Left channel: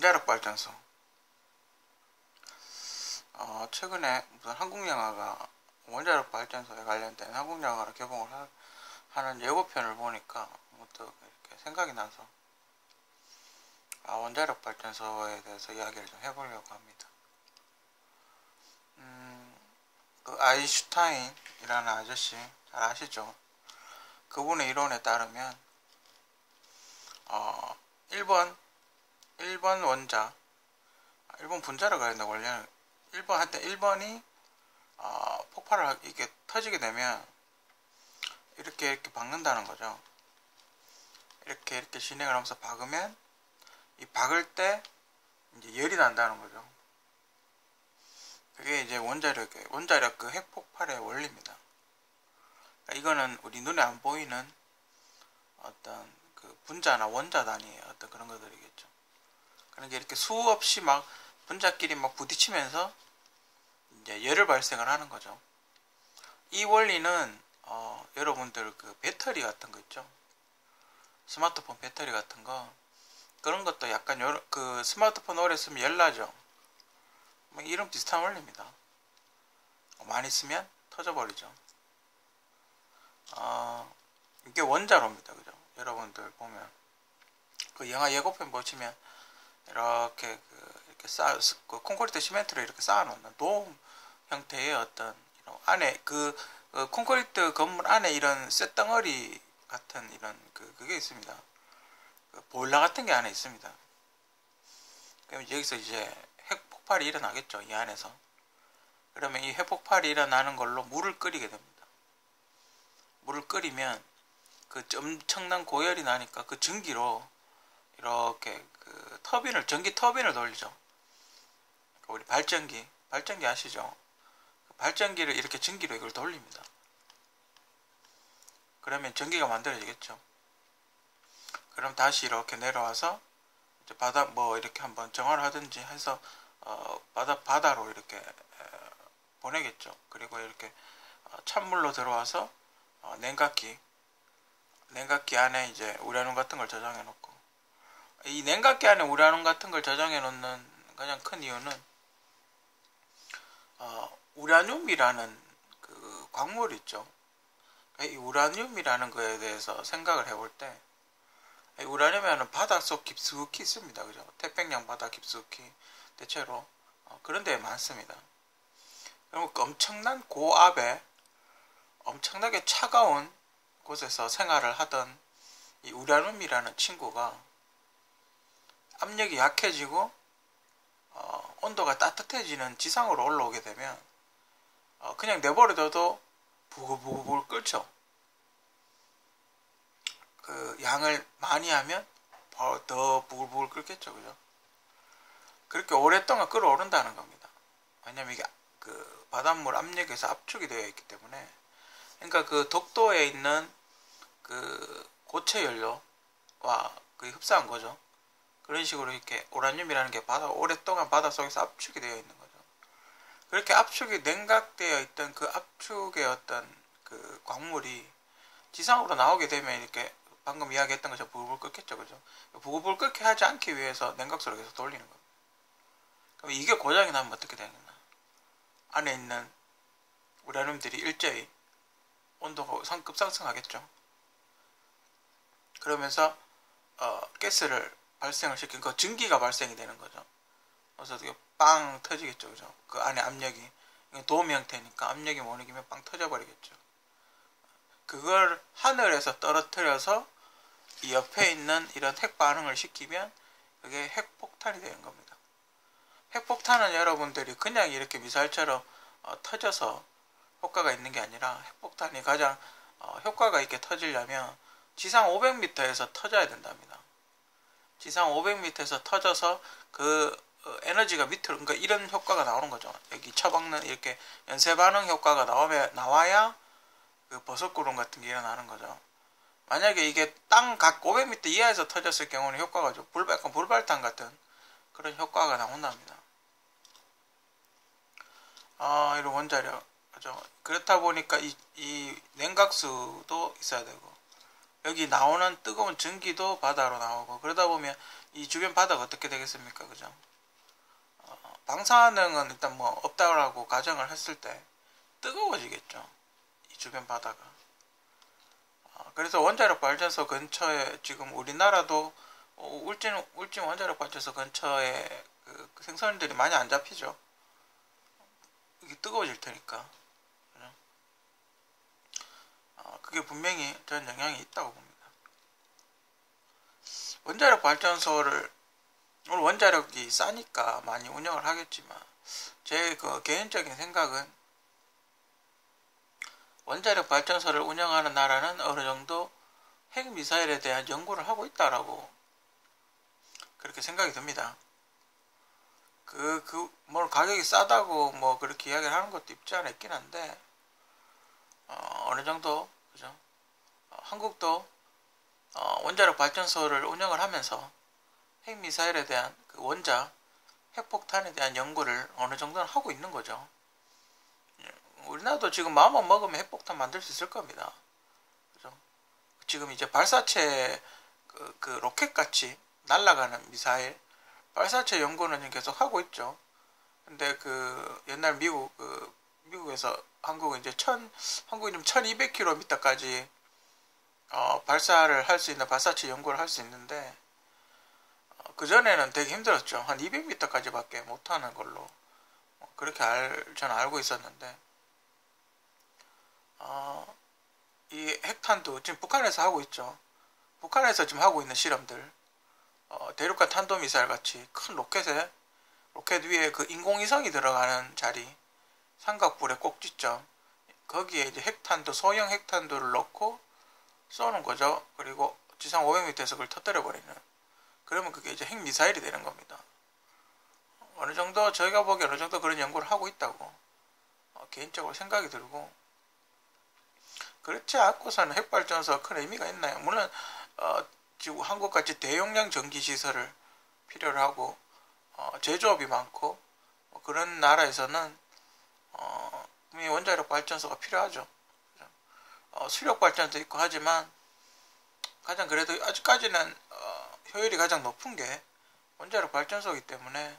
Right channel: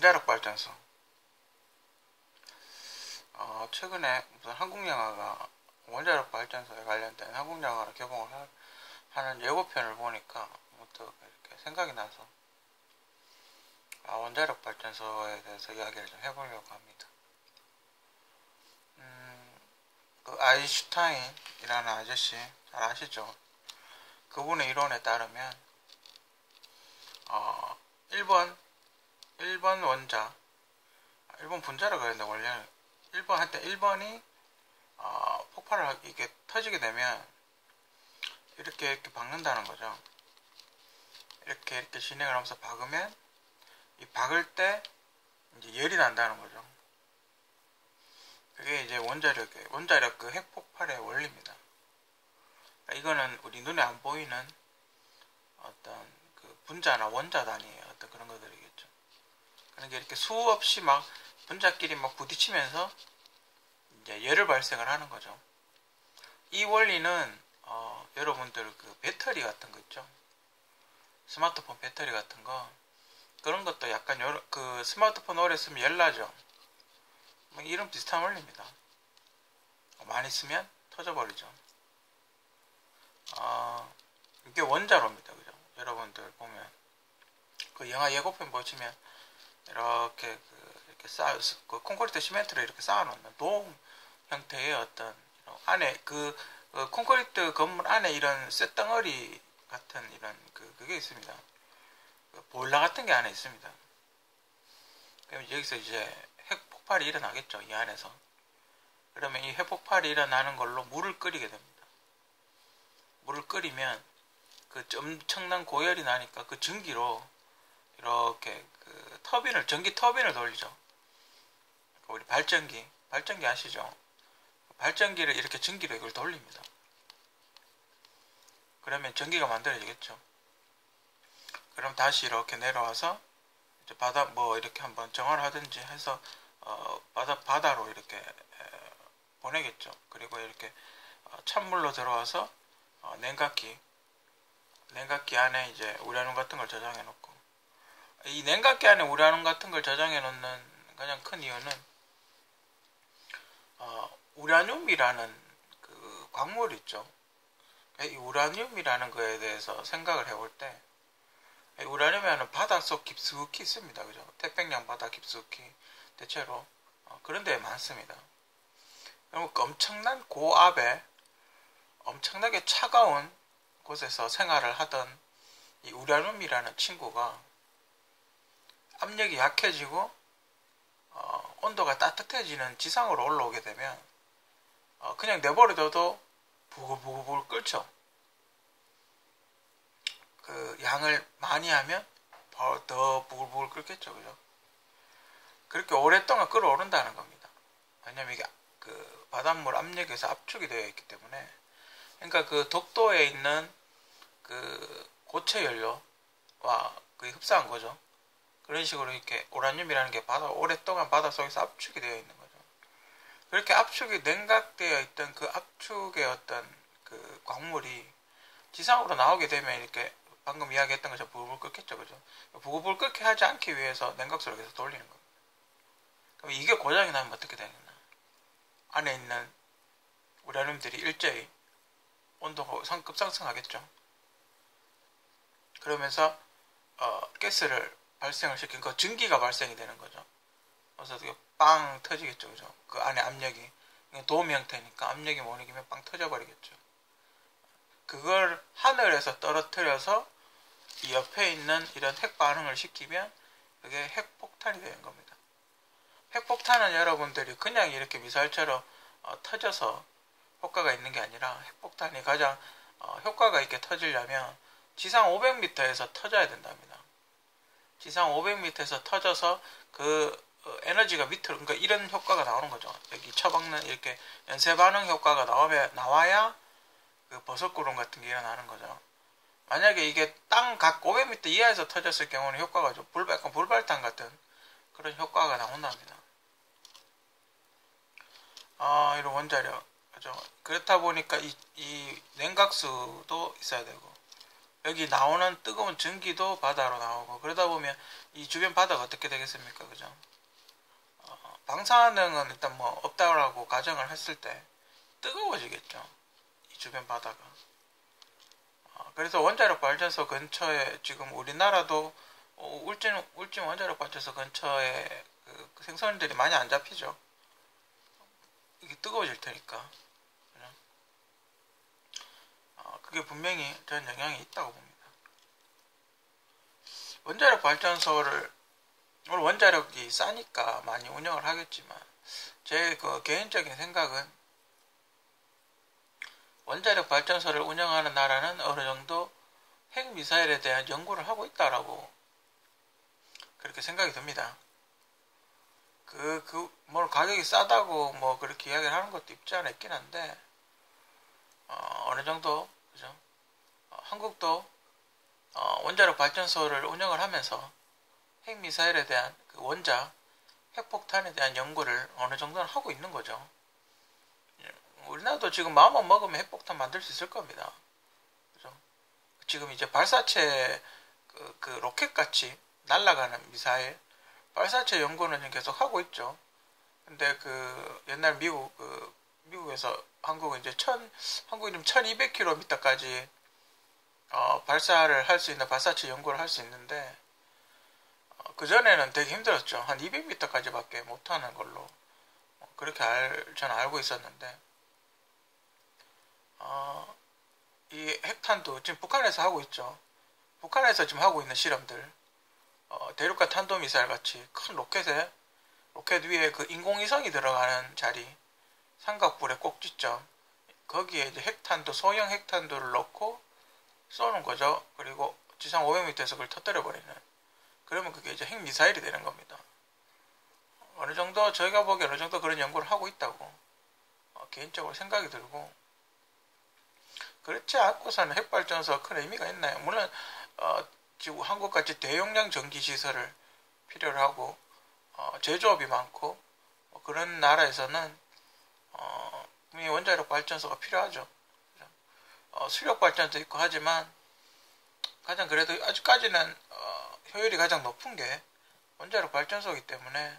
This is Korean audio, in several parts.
원자력 발전소. 최근에 무슨 한국 영화가 원자력 발전소에 관련된 한국 영화를 개봉을 하는 예고편을 보니까 문득 이렇게 생각이 나서 원자력 발전소에 대해서 이야기를 좀 해보려고 합니다. 그 아인슈타인이라는 아저씨 잘 아시죠? 그분의 이론에 따르면 1번 원자, 1번 분자라고 해야 된다. 원래는 1번이 폭발을 이게 터지게 되면 이렇게 박는다는 거죠. 이렇게 진행을 하면서 박으면 이 박을 때 이제 열이 난다는 거죠. 그게 이제 원자력 그 핵폭발의 원리입니다. 그러니까 이거는 우리 눈에 안 보이는 어떤 그 분자나 원자 단위의 어떤 그런 것들이겠죠. 그러니까 이렇게 수없이 막 분자끼리 막 부딪히면서 이제 열을 발생을 하는 거죠. 이 원리는 여러분들 그 배터리 같은 거 있죠. 스마트폰 배터리 같은 거 그런 것도 약간 그 스마트폰 오래 쓰면 열나죠. 이런 비슷한 원리입니다. 많이 쓰면 터져버리죠. 이게 원자로입니다. 그죠? 여러분들 보면 그 영화 예고편 보시면 이렇게 그 콘크리트 시멘트로 이렇게 쌓아놓는 돔 형태의 어떤 안에 콘크리트 건물 안에 이런 쇳덩어리 같은 이런 그게 있습니다. 그 보일러 같은 게 안에 있습니다. 그럼 여기서 이제 핵폭발이 일어나겠죠. 이 안에서. 그러면 이 핵폭발이 일어나는 걸로 물을 끓이게 됩니다. 물을 끓이면 그 엄청난 고열이 나니까 그 전기로 이렇게 그 전기 터빈을 돌리죠. 우리 발전기 아시죠? 발전기를 이렇게 전기로 이걸 돌립니다. 그러면 전기가 만들어지겠죠. 그럼 다시 이렇게 내려와서 이제 바다 이렇게 한번 정화를 하든지 해서 바다로 이렇게 보내겠죠. 그리고 이렇게 찬물로 들어와서 냉각기 안에 이제 우라늄 같은 걸 저장해 놓고, 이 냉각기 안에 우라늄 같은 걸 저장해 놓는 가장 큰 이유는 우라늄이라는 그 광물 있죠. 이 우라늄이라는 거에 대해서 생각을 해볼 때 우라늄에는 바닷속 깊숙이 있습니다. 그죠? 태평양 바다 깊숙이 대체로 그런 데에 많습니다. 그리고 엄청난 고압에 엄청나게 차가운 곳에서 생활을 하던 이 우라늄이라는 친구가 압력이 약해지고 온도가 따뜻해지는 지상으로 올라오게 되면 그냥 내버려둬도 부글부글 끓죠. 그 양을 많이 하면 더 부글부글 끓겠죠. 그죠? 그렇게 오랫동안 끓어오른다는 겁니다. 왜냐면 이게 그 바닷물 압력에서 압축이 되어 있기 때문에. 그러니까 그 독도에 있는 그 고체 연료와 그 흡사한 거죠. 그런 식으로 이렇게 우라늄이라는 게 오랫동안 바닷속에서 압축이 되어 있는 거죠. 그렇게 압축이 냉각되어 있던 그 압축의 어떤 그 광물이 지상으로 나오게 되면 이렇게 방금 이야기했던 것처럼 부글부글 끓겠죠. 그죠? 부글부글 끓게 하지 않기 위해서 냉각수를 계속 돌리는 겁니다. 그럼 이게 고장이 나면 어떻게 되느냐? 안에 있는 우라늄들이 일제히 온도가 급상승하겠죠. 그러면서 가스를 발생을 시킨 그 전기가 발생이 되는 거죠. 그래서 이게 빵 터지겠죠. 그죠? 그 안에 압력이 도움 형태니까 압력이 못 이기면 빵 터져버리겠죠. 그걸 하늘에서 떨어뜨려서 이 옆에 있는 이런 핵 반응을 시키면 그게 핵폭탄이 되는 겁니다. 핵폭탄은 여러분들이 그냥 이렇게 미사일처럼 터져서 효과가 있는 게 아니라 핵폭탄이 가장 효과가 있게 터지려면 지상 500m에서 터져야 된답니다. 지상 500m에서 터져서 그 에너지가 밑으로, 그러니까 이런 효과가 나오는 거죠. 여기 처박는 이렇게 연쇄 반응 효과가 나와야 그 버섯구름 같은 게 일어나는 거죠. 만약에 이게 땅 각 500m 이하에서 터졌을 경우는 효과가 좀 약간 불발탄 같은 그런 효과가 나온답니다. 이런 원자력. 그렇죠. 그렇다 보니까 이 냉각수도 있어야 되고, 여기 나오는 뜨거운 전기도 바다로 나오고, 그러다 보면 이 주변 바다가 어떻게 되겠습니까? 그죠? 방사능은 일단 뭐 없다라고 가정을 했을 때 뜨거워지겠죠. 이 주변 바다가. 그래서 원자력 발전소 근처에 지금 우리나라도 울진 원자력 발전소 근처에 그 생선들이 많이 안 잡히죠. 이게 뜨거워질 테니까. 그게 분명히 저는 영향이 있다고 봅니다. 원자력 발전소를 물론 원자력이 싸니까 많이 운영을 하겠지만 제 그 개인적인 생각은 원자력 발전소를 운영하는 나라는 어느 정도 핵미사일에 대한 연구를 하고 있다라고 그렇게 생각이 듭니다. 뭐 가격이 싸다고 뭐 그렇게 이야기를 하는 것도 있지 않아 있긴 한데, 어느 정도, 그죠? 한국도, 원자력 발전소를 운영을 하면서 핵미사일에 대한 그 원자, 핵폭탄에 대한 연구를 어느 정도는 하고 있는 거죠. 우리나라도 지금 마음만 먹으면 핵폭탄 만들 수 있을 겁니다. 그죠? 지금 이제 발사체, 그 로켓같이 날아가는 미사일, 발사체 연구는 계속 하고 있죠. 근데 그 옛날 미국에서 한국은 이제 한국이 좀 1200km까지 발사를 할 수 있는 발사체 연구를 할 수 있는데, 그전에는 되게 힘들었죠. 한 200m까지밖에 못하는 걸로 그렇게 저는 알고 있었는데, 이 핵탄두 지금 북한에서 하고 있죠. 북한에서 지금 하고 있는 실험들, 대륙간 탄도미사일 같이 큰 로켓 위에 그 인공위성이 들어가는 자리, 삼각불의 꼭지점, 거기에 이제 핵탄두, 소형 핵탄두를 넣고 쏘는 거죠. 그리고 지상 500m에서 그걸 터뜨려 버리는. 그러면 그게 이제 핵미사일이 되는 겁니다. 어느 정도 저희가 보기에 어느 정도 그런 연구를 하고 있다고 개인적으로 생각이 들고, 그렇지 않고서는 핵발전소가 큰 의미가 있나요? 물론 지금 한국같이 대용량 전기시설을 필요로 하고 제조업이 많고 그런 나라에서는 원자력 발전소가 필요하죠. 수력 발전도 있고 하지만 가장 그래도 아직까지는 효율이 가장 높은 게 원자력 발전소이기 때문에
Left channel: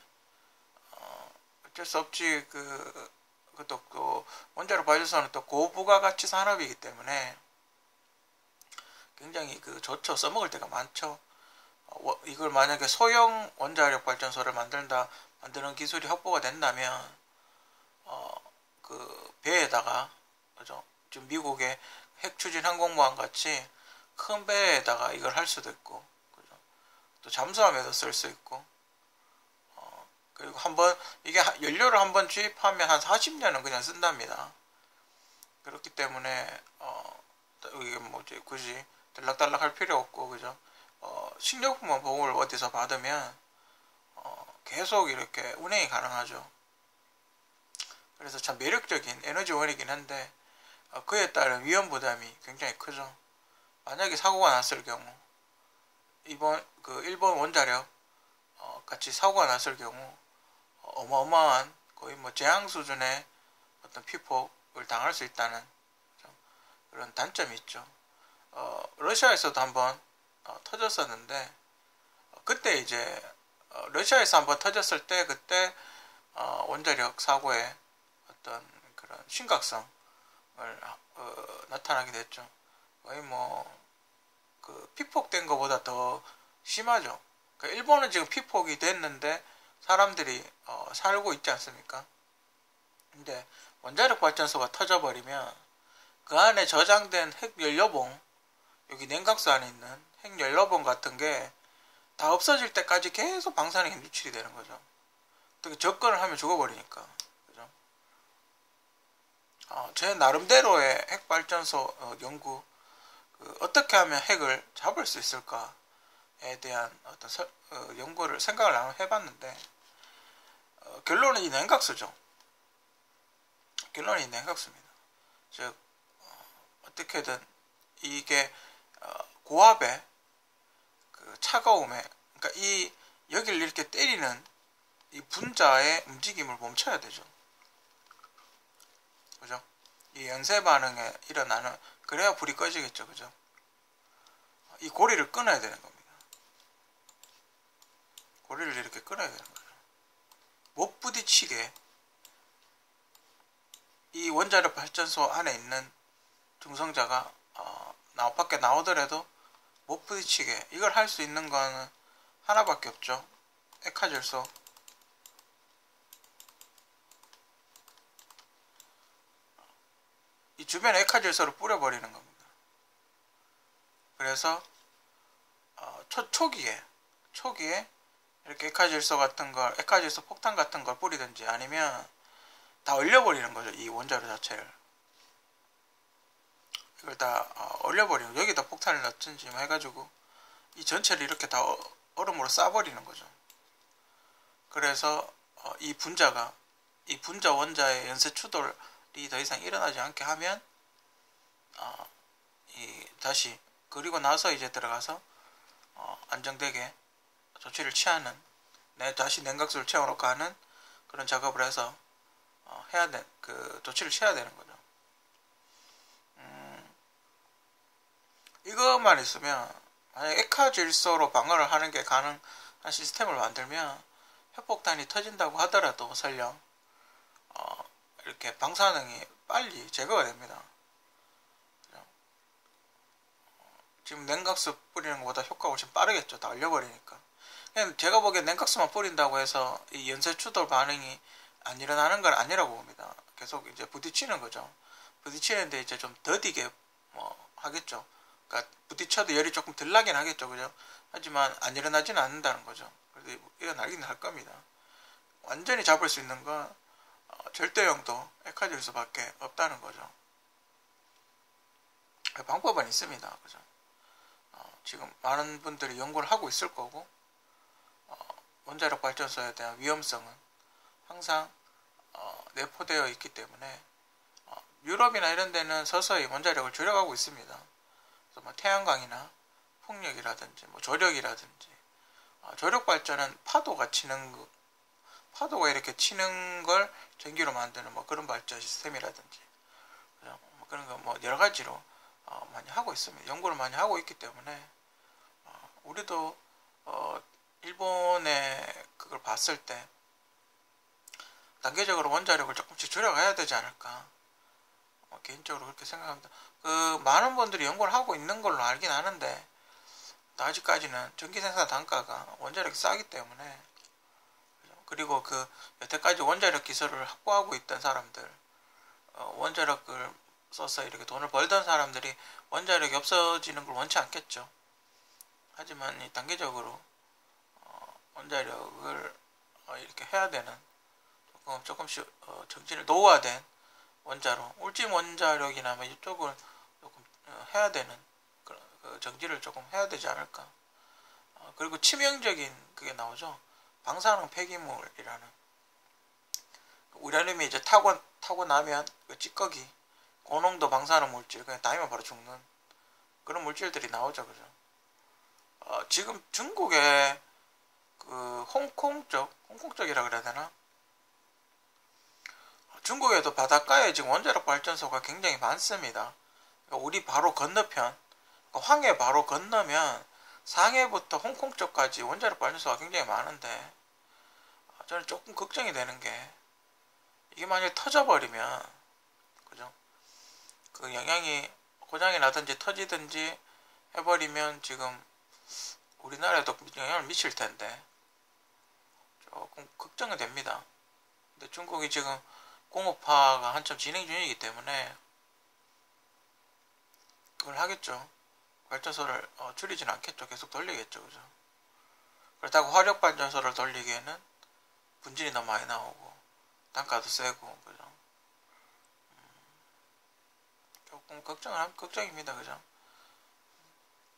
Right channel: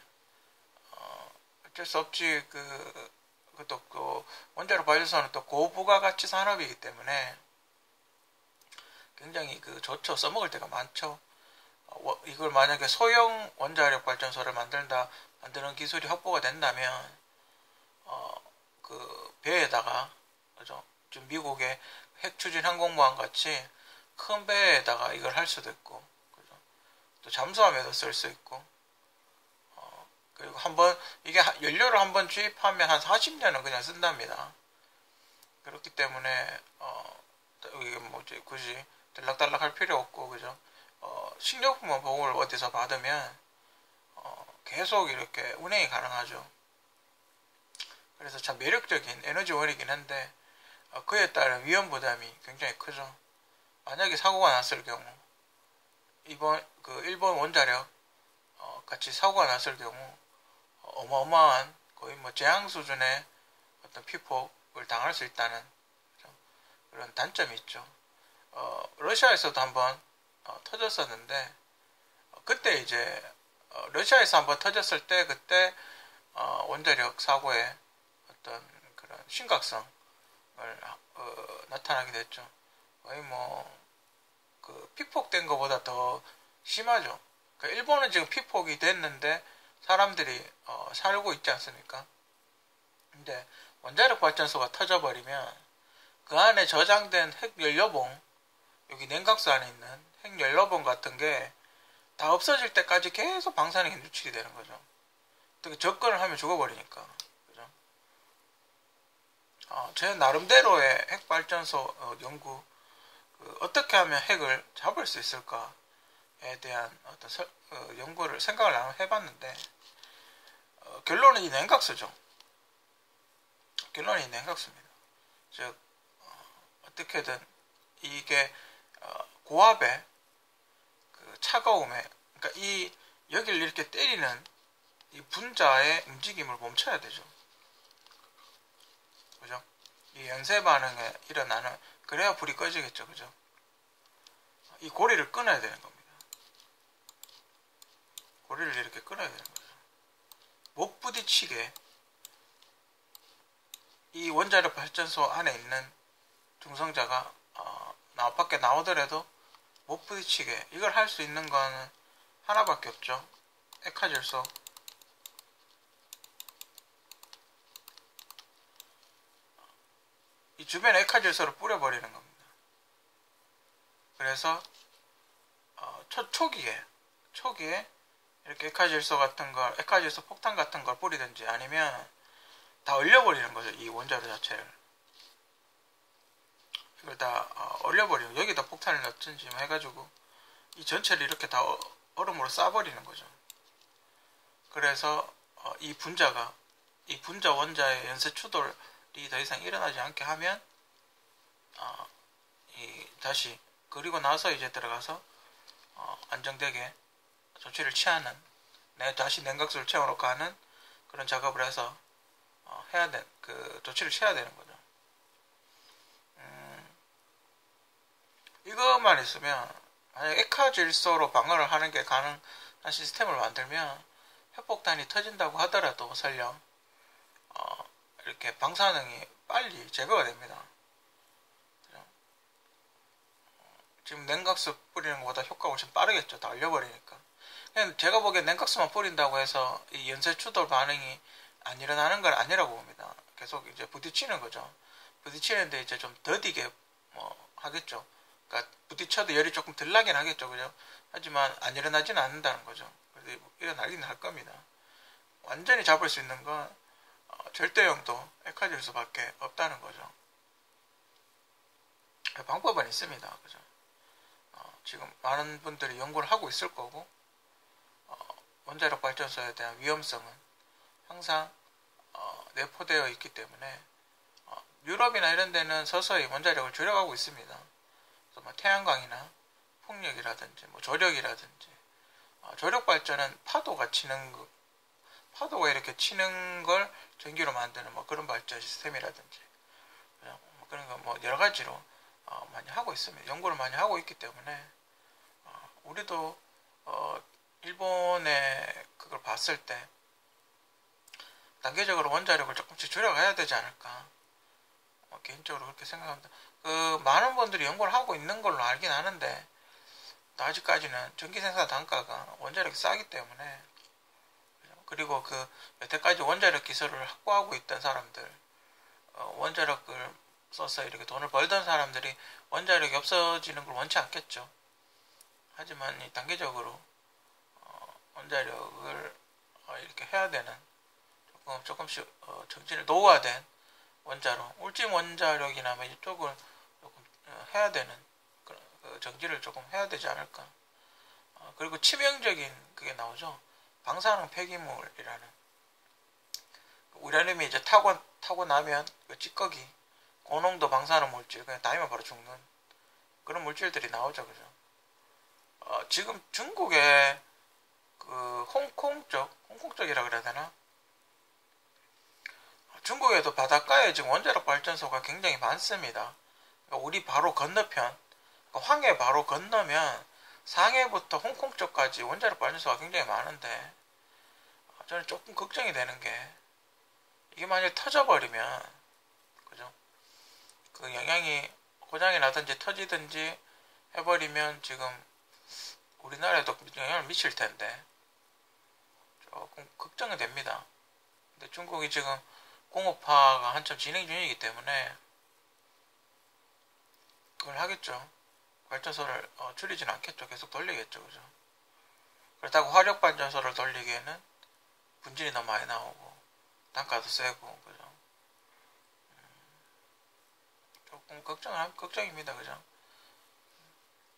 어쩔 수 없지. 그것도 그 원자력 발전소는 또 고부가가치 산업이기 때문에 굉장히 좋죠. 써먹을 때가 많죠. 이걸 만약에 소형 원자력 발전소를 만드는 기술이 확보가 된다면, 그 배에다가, 그죠? 지금 미국의 핵추진 항공모함 같이 큰 배에다가 이걸 할 수도 있고, 그죠? 또 잠수함에도 쓸 수 있고, 그리고 이게 연료를 한번 주입하면 한 40년은 그냥 쓴답니다. 그렇기 때문에, 이게 굳이 들락달락 할 필요 없고, 그죠? 식료품 보험을 어디서 받으면, 계속 이렇게 운행이 가능하죠. 그래서 참 매력적인 에너지원이긴 한데, 그에 따른 위험 부담이 굉장히 크죠. 만약에 사고가 났을 경우, 일본 원자력, 같이 사고가 났을 경우, 어마어마한 거의 재앙 수준의 어떤 피폭을 당할 수 있다는 그런 단점이 있죠. 러시아에서도 한번 터졌었는데, 그때 이제 러시아에서 한번 터졌을 때 그때 원자력 사고의 어떤 그런 심각성을 나타나게 됐죠. 거의 피폭된 것보다 더 심하죠. 그러니까 일본은 지금 피폭이 됐는데 사람들이 살고 있지 않습니까? 근데 원자력 발전소가 터져버리면 그 안에 저장된 핵연료봉, 여기 냉각수 안에 있는 핵연료봉 같은 게 다 없어질 때까지 계속 방사능에 노출이 되는 거죠. 어떻게 접근을 하면 죽어버리니까. 그죠? 제 나름대로의 핵발전소 연구, 어떻게 하면 핵을 잡을 수 있을까에 대한 어떤 생각을 한번 해봤는데, 결론은 이 냉각수죠. 결론은 이 냉각수입니다. 즉, 어떻게든 이게 고압의 차가움에, 그러니까 여기를 이렇게 때리는 이 분자의 움직임을 멈춰야 되죠. 그죠? 이 연쇄 반응에 일어나는, 그래야 불이 꺼지겠죠. 그죠? 이 고리를 끊어야 되는 겁니다. 고리를 이렇게 끊어야 되는 거죠. 못 부딪히게 이 원자력 발전소 안에 있는 중성자가 밖에 나오더라도 못 부딪히게, 이걸 할 수 있는 거는 하나밖에 없죠. 액화질소. 이 주변에 액화질소를 뿌려버리는 겁니다. 그래서 초기에 이렇게 액화질소 같은 걸, 액화질소 폭탄 같은 걸 뿌리든지 아니면 다 얼려버리는 거죠. 이 원자료 자체를. 이걸 다 얼려버리고 여기다 폭탄을 넣든지 뭐 해가지고 이 전체를 이렇게 다 얼음으로 싸버리는 거죠. 그래서 이 분자 원자의 연쇄 추돌이 더 이상 일어나지 않게 하면 다시, 그리고 나서 이제 들어가서 안정되게 조치를 취하는, 다시 냉각수를 채워놓고 하는 그런 작업을 해서 조치를 취해야 되는 거죠. 이것만 있으면, 만약 액화질소로 방어를 하는 게 가능한 시스템을 만들면 핵폭탄이 터진다고 하더라도 설령 이렇게 방사능이 빨리 제거가 됩니다. 지금 냉각수 뿌리는 것보다 효과가 훨씬 빠르겠죠. 다 얼려버리니까. 그냥 제가 보기엔 냉각수만 뿌린다고 해서 이 연쇄 추돌 반응이 안 일어나는 건 아니라고 봅니다. 계속 이제 부딪히는 거죠. 부딪히는데 이제 좀 더디게 하겠죠. 그러니까 부딪혀도 열이 조금 덜 나긴 하겠죠. 그죠? 하지만 안 일어나지는 않는다는 거죠. 그래서 일어나긴 할 겁니다. 완전히 잡을 수 있는 건 절대용도 액화질소밖에 없다는 거죠. 방법은 있습니다. 그죠? 지금 많은 분들이 연구를 하고 있을 거고, 원자력 발전소에 대한 위험성은 항상 내포되어 있기 때문에 유럽이나 이런 데는 서서히 원자력을 줄여가고 있습니다. 그래서 뭐 태양광이나 풍력이라든지 뭐 조력이라든지, 조력 발전은 파도가 이렇게 치는 걸 전기로 만드는 뭐 그런 발전 시스템이라든지, 뭐 그런 거 뭐 여러 가지로 많이 하고 있습니다. 연구를 많이 하고 있기 때문에 우리도 일본의 그걸 봤을 때 단계적으로 원자력을 조금씩 줄여가야 되지 않을까, 개인적으로 그렇게 생각합니다. 많은 분들이 연구를 하고 있는 걸로 알긴 하는데 아직까지는 전기 생산 단가가 원자력이 싸기 때문에, 그리고 여태까지 원자력 기술을 확보하고 있던 사람들, 원자력을 써서 이렇게 돈을 벌던 사람들이 원자력이 없어지는 걸 원치 않겠죠. 하지만 이 단계적으로 원자력을 이렇게 해야 되는, 조금씩 정진을 노후화된 원자로, 울진 원자력이나 뭐 이쪽을 조금 해야 되는, 정지를 조금 해야 되지 않을까. 그리고 치명적인 그게 나오죠. 방사능 폐기물이라는, 우라늄이 이제 타고 나면 그 찌꺼기, 고농도 방사능 물질, 그냥 닿으면 바로 죽는 그런 물질들이 나오죠. 그죠? 지금 중국의 홍콩 쪽이라 그래야 되나? 중국에도 바닷가에 지금 원자력 발전소가 굉장히 많습니다. 그러니까 우리 바로 건너편, 황해 바로 건너면 상해부터 홍콩 쪽까지 원자력 발전소가 굉장히 많은데, 저는 조금 걱정이 되는 게, 이게 만약에 터져버리면, 그죠? 그 영향이 고장이 나든지 터지든지 해버리면 지금 우리나라에도 영향을 미칠 텐데 조금 걱정이 됩니다. 근데 중국이 지금 공업화가 한참 진행 중이기 때문에 그걸 하겠죠. 발전소를 줄이지는 않겠죠. 계속 돌리겠죠. 그죠? 그렇다고 화력발전소를 돌리기에는 분진이 너무 많이 나오고 단가도 세고, 그죠? 조금 걱정입니다. 그죠?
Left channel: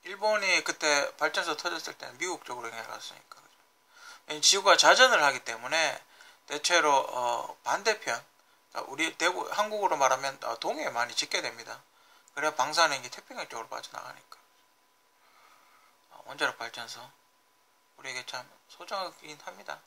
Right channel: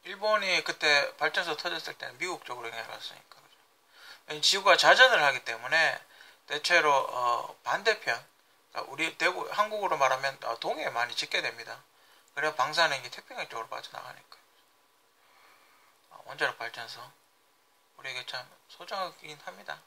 일본이 그때 발전소 터졌을 때는 미국 쪽으로 영향을 갔으니까. 그죠? 지구가 자전을 하기 때문에 대체로 반대편, 우리 대구 한국으로 말하면 동해에 많이 짓게 됩니다. 그래야 방사능이 태평양 쪽으로 빠져나가니까. 원자력 발전소 우리에게 참 소중하긴 합니다.